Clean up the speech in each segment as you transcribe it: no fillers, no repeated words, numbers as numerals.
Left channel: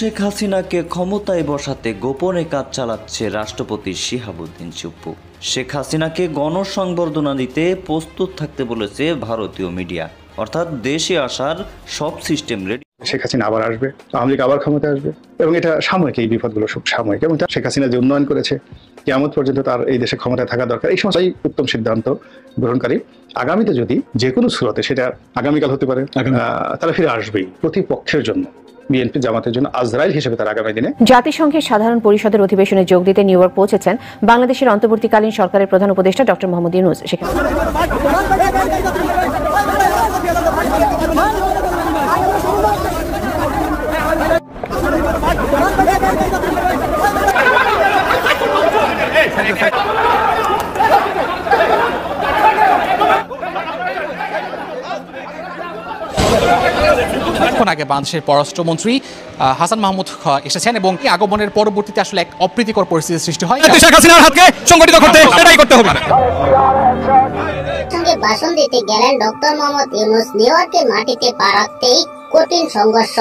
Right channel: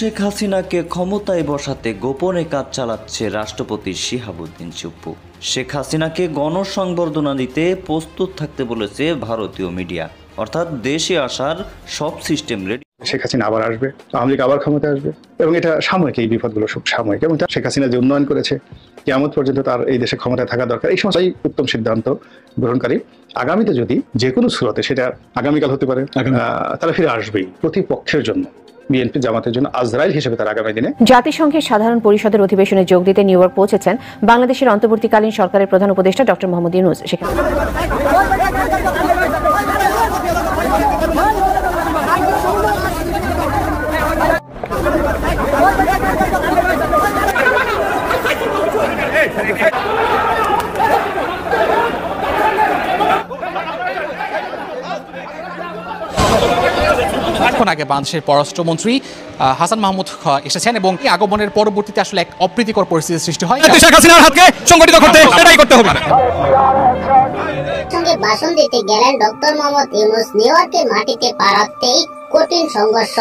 শেখ হাসিনাকে ক্ষমতায় বসাতে গোপনে কাজ চালাচ্ছে রাষ্ট্রপতি শিহাবুদ্দিন চুপ্পু। শেখ হাসিনাকে গণসংবর্ধনা দিতে প্রস্তুত থাকতে বলেছে ভারতীয় মিডিয়া, অর্থাৎ দেশে আসার সব সিস্টেম রেডি। শেখ হাসিনা আবার আসবে, আওয়ামী লীগ আবার ক্ষমতায় আসবে এবং এটা সাময়িক, এই বিপদগুলো সব সাময়িক। এবং শেখ হাসিনা যে উন্নয়ন করেছে, কিয়ামত পর্যন্ত তার এই দেশে ক্ষমতায় থাকা দরকার, এই সমস্ত উত্তম সিদ্ধান্ত গ্রহণকারী। আগামীতে যদি যে কোনো সুরতে, সেটা আগামীকাল হতে পারে, তারা ফিরে আসবেই প্রতিপক্ষের জন্য, বিএনপি জামাতের জন্য আজরাইল হিসেবে তার আগামী দিনে। জাতিসংঘের সাধারণ পরিষদের অধিবেশনে যোগ দিতে নিউ ইয়র্ক পৌঁছেছেন বাংলাদেশের অন্তর্বর্তীকালীন সরকারের প্রধান উপদেষ্টা ডক্টর মোহাম্মদ ইউনূস। সেখানে এখন আগে বাংলাদেশের পররাষ্ট্রমন্ত্রী হাসান মাহমুদ এসেছেন এবং আগমনের পরবর্তীতে আসলে এক অপ্রীতিকর পরিস্থিতির সৃষ্টি হয়। শেখ হাসিনার হাতকে সংগঠিত করতে এটাই করতে হবে। সঙ্গে ভাষণ দিতে গেলেন ডক্টর মোহাম্মদ ইউনূস। নিউ ইয়র্কের মাটিতে পা রাখতেই কঠিন সংঘর্ষ।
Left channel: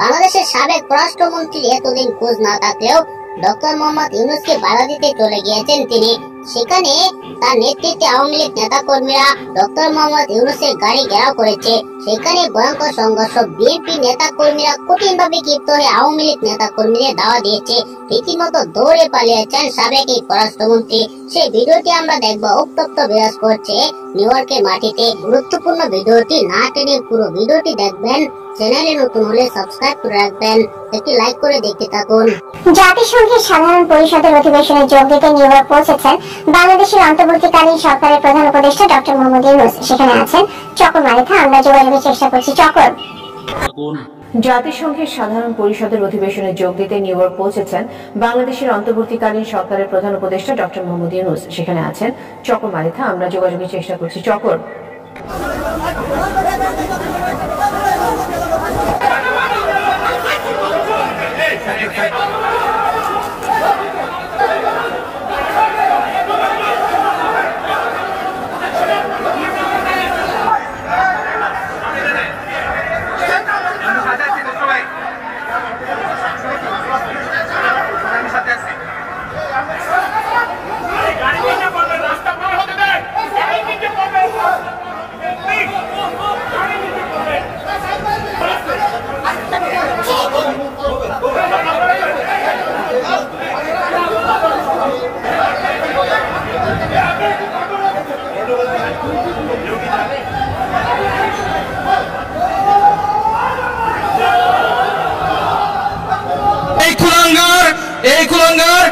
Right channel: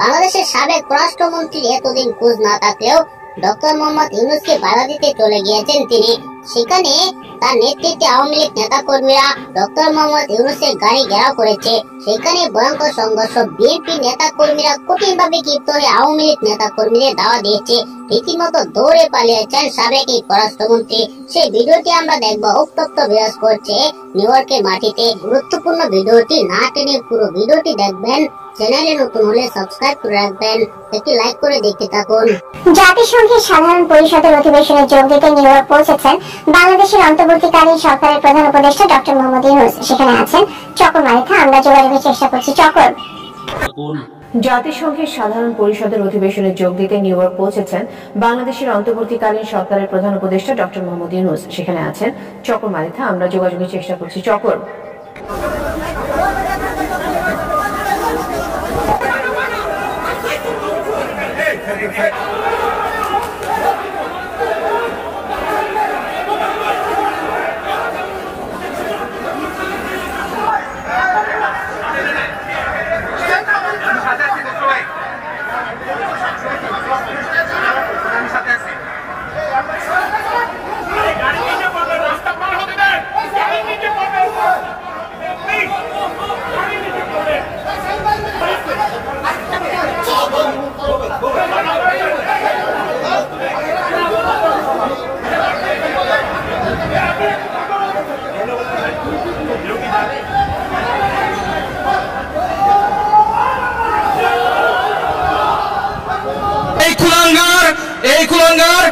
বাংলাদেশের সাবেক পররাষ্ট্রমন্ত্রীর এতদিন খোঁজ না থাকলেও ডক্টর মোহাম্মদ ইউনূসকে বাধা দিতে চলে গিয়েছেন তিনি। সেখানে তার নেতৃত্বে আওয়ামী লীগ নেতা কর্মীরা ডক্টর মোহাম্মদ ইউনূসের গাড়ি ঘেরাও করেছে। সেখানে ভয়ঙ্কর সংঘর্ষ। বিএনপি নেতা কর্মীরা কঠিনভাবে ক্ষিপ্ত হয়ে আওয়ামী লীগ নেতা কর্মীদের দাওয়া দিয়েছে। রীতিমতো দৌড়ে পালিয়েছেন সাবেক এই পররাষ্ট্রমন্ত্রী। সেই ভিডিওটি আমরা দেখবো। উত্তপ্ত বিরাজ করছে নিউ ইয়র্কের মাটিতে। গুরুত্বপূর্ণ ভিডিওটি না টেনে পুরো ভিডিওটি দেখবেন। চ্যানেলে নতুন হলে সাবস্ক্রাইব করে রাখবেন, একটি লাইক করে দেখতে থাকুন। জাতিসংঘের সাধারণ পরিষদের অধিবেশনে যোগ দিতে নিউ ইয়র্ক পৌঁছেছেন বাংলাদেশের অন্তর্বর্তীকালীন সরকারের প্রধান উপদেষ্টা ডক্টর মোহাম্মদ ইউনূস। সেখানে আছেন চকর মালিথা। আমরা যোগাযোগের চেষ্টা করছি। চকর, জাতিসংঘের সাধারণ পরিষদের অধিবেশনে যোগ দিতে নিউ ইয়র্ক পৌঁছেছেন বাংলাদেশের অন্তর্বর্তীকালীন সরকারের প্রধান উপদেষ্টা ডক্টর মোহাম্মদ ইউনূস। সেখানে আছেন চকর মালিথা। আমরা যোগাযোগের চেষ্টা করছি। চকর, এই কুলাঙ্গার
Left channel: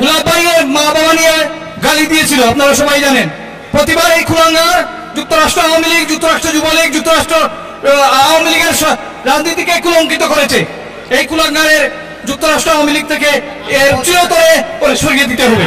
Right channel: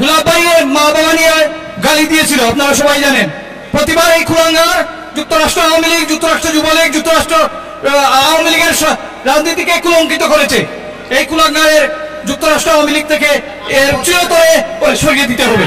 গোলাপবাড়ির মা বাবা নিয়ে গালি দিয়েছিল, আপনারা সবাই জানেন। প্রতিবার এই কুলাঙ্গার যুক্তরাষ্ট্র আওয়ামী লীগ, যুক্তরাষ্ট্র যুবলীগ, যুক্তরাষ্ট্র আওয়ামী লীগের রাজনীতিকে কুলঙ্কিত করেছে। এই কুলাঙ্গারের যুক্তরাষ্ট্র আওয়ামী লীগ থেকে এর চিরতরে করে সরিয়ে দিতে হবে।